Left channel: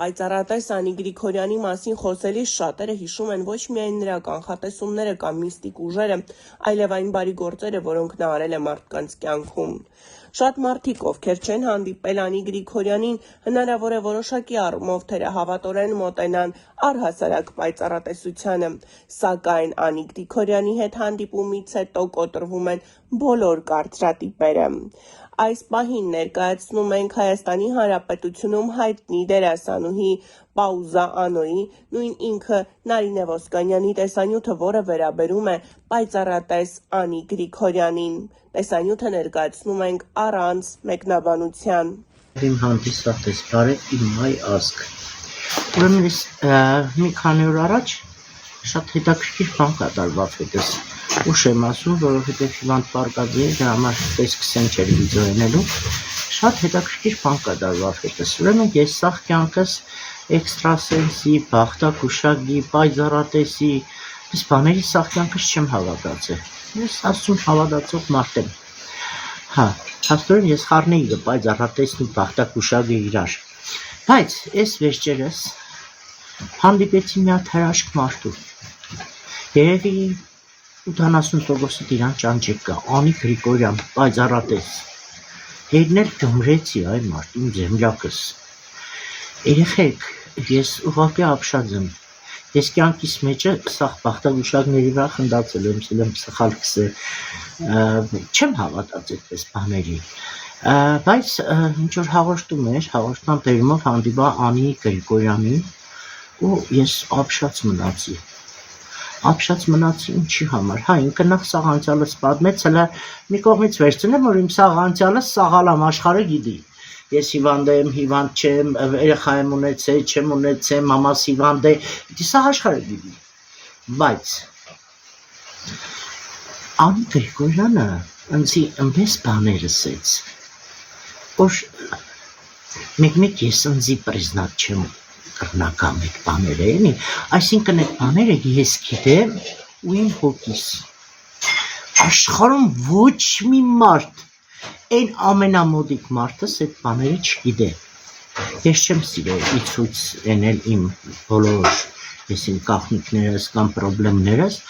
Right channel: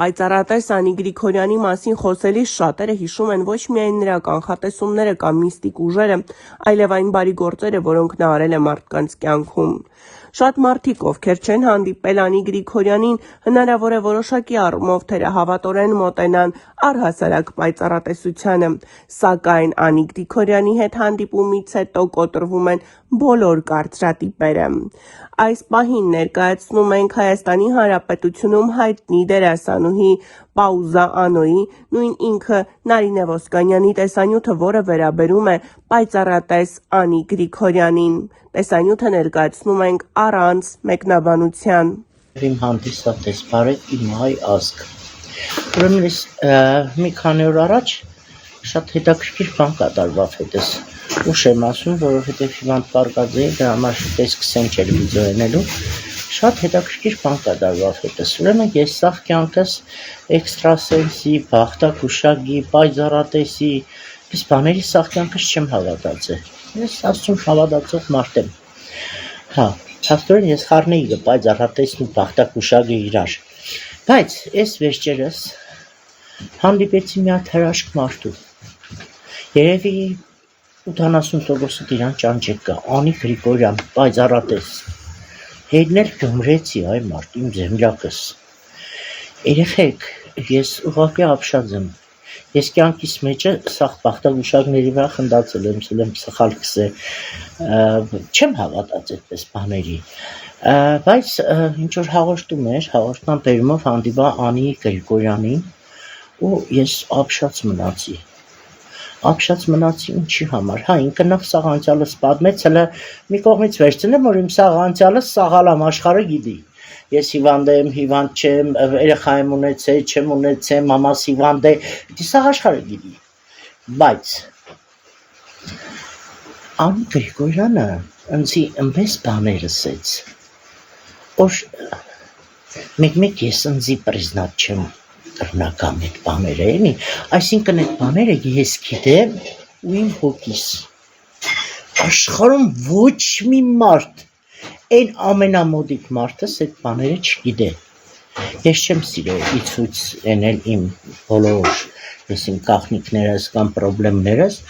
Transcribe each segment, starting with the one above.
Պայծառատես Անի Գրիգորյանի մասին խոսելիս շատերը հիշում են ոչ միայն նրա կանխատեսումները կամ միստիկ ուժերը, այլև այն բարի գործերը, որոնք նա արել է մարդկանց կյանքում։ Շատ մարդիկ, ովքեր չեն հանդիպել Անի Գրիգորյանին, հնարավոր է որոշակի առումով թերահավատորեն մոտենան առհասարակ պայծառատեսությանը, սակայն Անի Գրիգորյանի հետ հանդիպումից հետո կոտրվում են բոլոր կարծրատիպերը։ Այս պահին ներկայացնում ենք Հայաստանի Հանրապետությունում հայտնի դերասանուհի Պաուզա Անոյի, նույն ինքը Նարինե Ոսկանյանի տեսանյութը, որը վերաբերում է պայծառատես Անի Գրիգորյանին։ Տեսանյութը ներկայացնում ենք առանց մեկնաբանության։ Իմ հանդիսատես բարև, իմ հայ ազգ։ Ուրեմն ես մի քանի օր առաջ շատ հետաքրքիր բան կատարվավ հետս։ Ուշ եմ ասում, որովհետև Հիվանդ Պարգաձեի դրա համար տեսքսեն չէր վիդեոենելու։ Շատ հետաքրքիր բան կատարվավ հետս։ Ուրեմն ես սաղ կյանքս էքստրասենսի, բախտակուշագի, պայծառատեսի, այս բաների սաղ կյանքս չեմ հավատացել։ Ես ասում հավատացող մարդ եմ։ Հաստորեն ես խառնեի պայծառատեսն ու բախտակուշագը իրար։ Բայց այս վերջերս հանդիպեցի մի հատ հրաշք մարդու։ Երևի 80%-ը իրան ճանճեք կա, Անի Գրիգորյան, պայծառատես։ Հետն էլ գյումրեցի այ մարդ, իմ զեմլակս։ Երեխեք, ես ուղղակի ապշած եմ։ Ես կյանքիս մեջը սաղ բախտագուշակների վրա խնդացել եմ սխալ քսե, չեմ հավատաց այդպես բաների, բայց ինչ-որ հաղորդում էր, հաղորդման բերումով հանդիպա Անի Գրիգորյանին ու ես ապշած մնացի ինչի համար, ինքը նախ սաղ անցյալս պատմեց, հլը մի կողմից վերցնեմ, որ իմ սաղ անցյալս սաղալամ աշխարհը գիտի, ես հիվանդ եմ, հիվանդ չեմ, երեխա եմ ունեցել, չեմ ունեցել, մամաս հիվանդ է, պիտի սաղ աշխարհը գիտի, բայց Անի Գրիգորյանը ինձի ըմպես բաներ ասեց, որ մեկ ես ինձի պրիզնատ չեմ կրնակամ այդ բաները էնի, այսինքն այդ բաները ես գիտեմ ու իմ հոգիս, աշխարհում ոչ մի մարդ, այն ամենամոդիկ մարդս այդ բաները չգիտե, ես չեմ սիրել ի ցույց ենել իմ բոլոր, ես իմ կախնիկներս կամ պրոբլեմներս,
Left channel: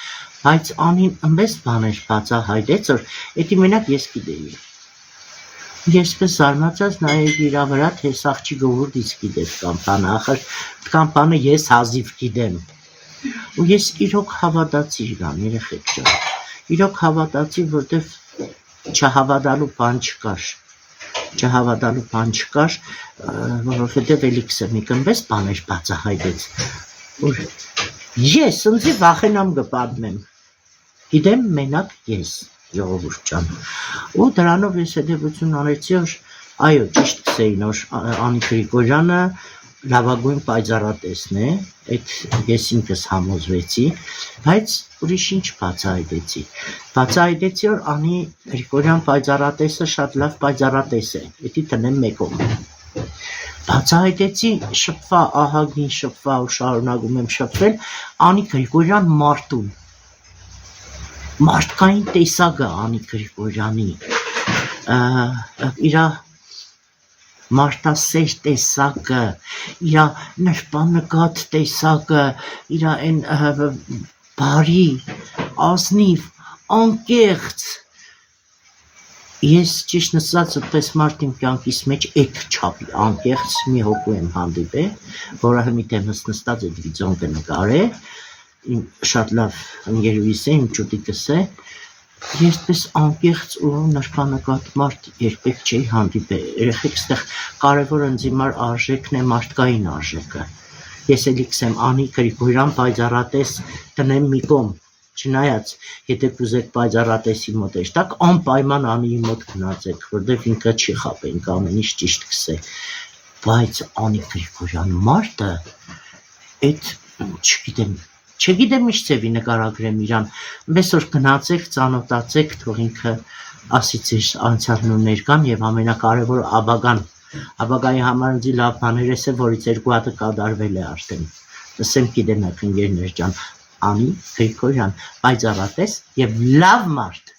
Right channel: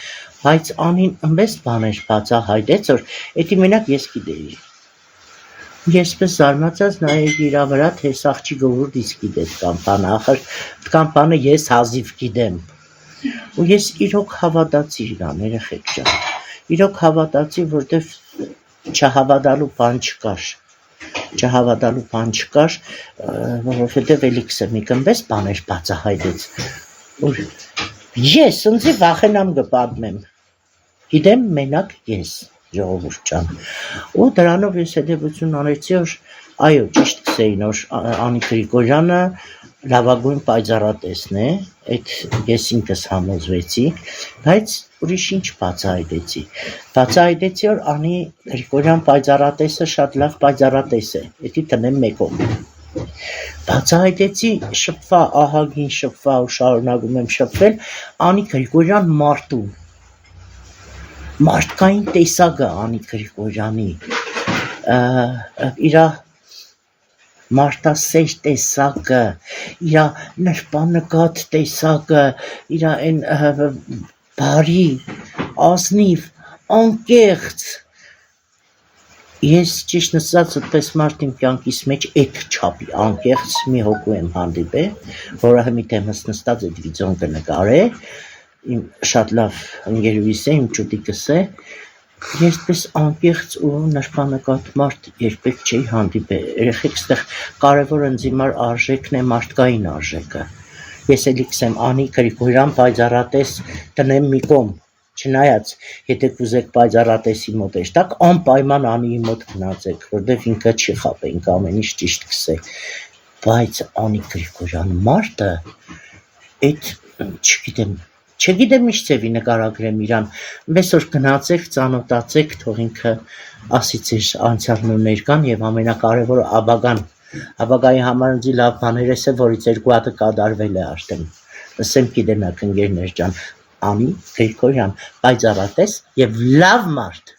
բայց Անին ըմպես բաներ բացահայտեց, որ էդի մենակ ես գիտեի, ես պես զարմացած նայեցի իրա վրա, թե սաղ չի գովուրդից գիտե կամպանը, ախր կամպանը ես հազիվ գիտեմ, ու ես իրոք հավատացի իրան, երեխեք ջան, իրոք հավատացի, որտև չհավատալու բան չկար, որովհետև էլիքսը մի կմպես բաներ բացահայտեց, որ ես ինձի վախենամ կպատմեմ, գիտեմ մենակ ես, ժողովուրդ ջան, ու դրանով ես հետևություն անեցի, որ այո, ճիշտ կսեին, որ Անի Գրիգորյանը լավագույն պայծառատեսն է, այդ ես ինքս համոզվեցի, բայց ուրիշ ինչ բացահայտեցի, որ Անի Գրիգորյան պայծառատեսը շատ լավ պայծառատես է, էդի տնեմ մեկում, բացահայտեցի շփվա, ահագին շփվա ու շարունակում եմ շփվել Անի Գրիգորյան մարդու, մարդկային տեսակը Անի Գրիգորյանի, իրա մարդասեր տեսակը, իրա նրբանկատ տեսակը, իրա այն բարի, ազնիվ, անկեղծ, ես ճիշտ նստած այդպես մարդ իմ կյանքիս մեջ այդ չափի անկեղծ մի հոգու եմ հանդիպել, որը մի թեմս նստած այդ վիդեոն կնկարե, իմ շատ լավ ընկերուհիս է, իմ ճուտիկս է, ես պես անկեղծ ու նրբանկատ մարդ երբեք չէի հանդիպել, երեխեք ստեղ կարևոր ինձ հիմար արժեքն է մարդկային արժեքը, ես էլիքս եմ Անի Գրիգորյան պայծառատես տնեմ մի կողմ, չնայած, եթե կուզեք պայծառատեսի մոտ էշտակ, անպայման Անիի մոտ գնացեք, որտև ինքը չի խապենք ամեն ինչ ճիշտ կսե, բայց Անի Գրիգորյան մարդը, այդ չգիտեմ ինչ ծևի նկարագրեմ իրան, մեզ որ գնացեք, ծանոթացեք, թող ինքը ասի ձեր անցյալն ու ներկան և ամենակարևորը ապագայի համար ինձի լավ բաներ է, որից 2 հատը կատարվել է արդեն, ասեմ գիտենաք ընկերներ ջան, Անի Գրիգորյան պայծառատես և լավ մարդ։